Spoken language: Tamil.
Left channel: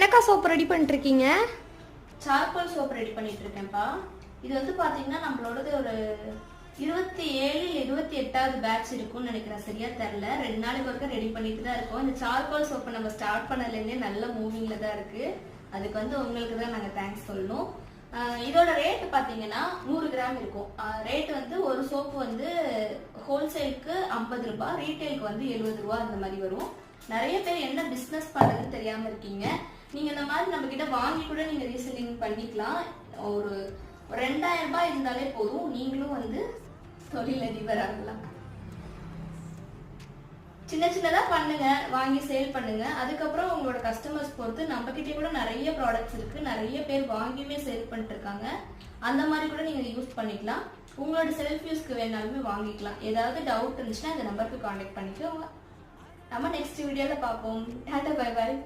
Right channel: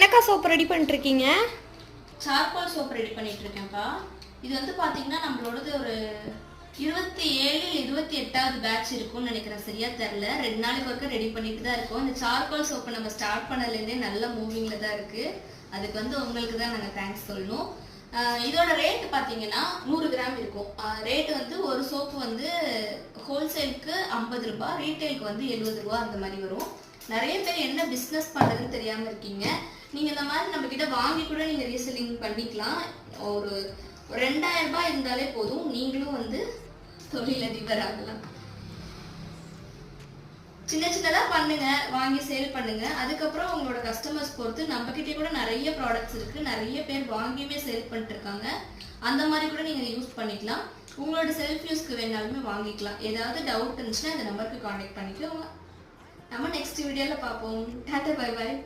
என்னக்கா சோப் ரெடி பண்ணிட்டு இருக்கீங்க? சார்கோல் சோப் ரெடி பண்ணிட்டு இருக்கேன்ப்பா. இது வந்து பாத்தீங்கன்னா நம்மளோடது ஒரு 27 28வது பேட்ச் இருக்கும்னு நினைக்கிறேன், சரியா தெரியல. 2 நாளைக்கு ஒருக்க ரெடி பண்ணிட்டு தான் இருக்கோம். இந்த சார்கோல் சோப்பை நம்ம ஸ்டார்ட் பண்ணதுலேருந்தே நல்ல மூவிங்ல தான் இருக்கு. அதுக்கு வந்து உங்களுக்கு தான் நாங்கள் தேங்க்ஸ் சொல்லணும். இதோட ரேட்டு பார்த்தீங்கன்னா 100 கிராம் இருக்கும். ரேட்டு வந்து ஒரு சோப்பு வந்து ஹோல்சேலுக்கு 50 ரூபாய், ரீட்டைலுக்கு வந்து 70 ரூபா அந்த மாதிரி வரும். நிறைய பேர் என்ன பிஸ்னஸ் பண்ணுறதுன்னு தெரியாமல் இருக்கீங்க. நீங்கள் இந்த மாதிரி நம்மக்கிட்ட வாங்கி கூட நீங்கள் ரீசெல்லிங் பண்ணிக்கலாம். ஒரு 2000 ரூபாய் இருந்தாலே போதும், நீங்களும் வந்து தொழிலதிபர் ஆகலாம். சின்ன சின்னதாக பண்ணுங்க, வாங்கி சேல் பண்ணுங்க. அதுக்கப்புறம் உங்களோட கஸ்டமர்ஸ் பொறுத்து நம்மக்கிட்டே கூட நிறைய ப்ராடக்ட்ஸ் இருக்கு, நிறைய பேர் வாங்கியுமே சேல் பண்ணிட்டு இருக்காங்க. அந்த மாதிரி கூட நீங்கள் யூஸ் பண்ணிக்கலாம். உங்களோட செல்ஃப் யூஸ்க்கு வேணாலுமே வாங்கிக்கலாம். ஏதாவது டவுட் இருந்துச்சுன்னா இந்த நம்பருக்கு கான்டாக்ட் பண்ணிக்கோங்க. நம்ம நெக்ஸ்ட் வீடியோவில் பார்ப்போம். Tata, bye bye.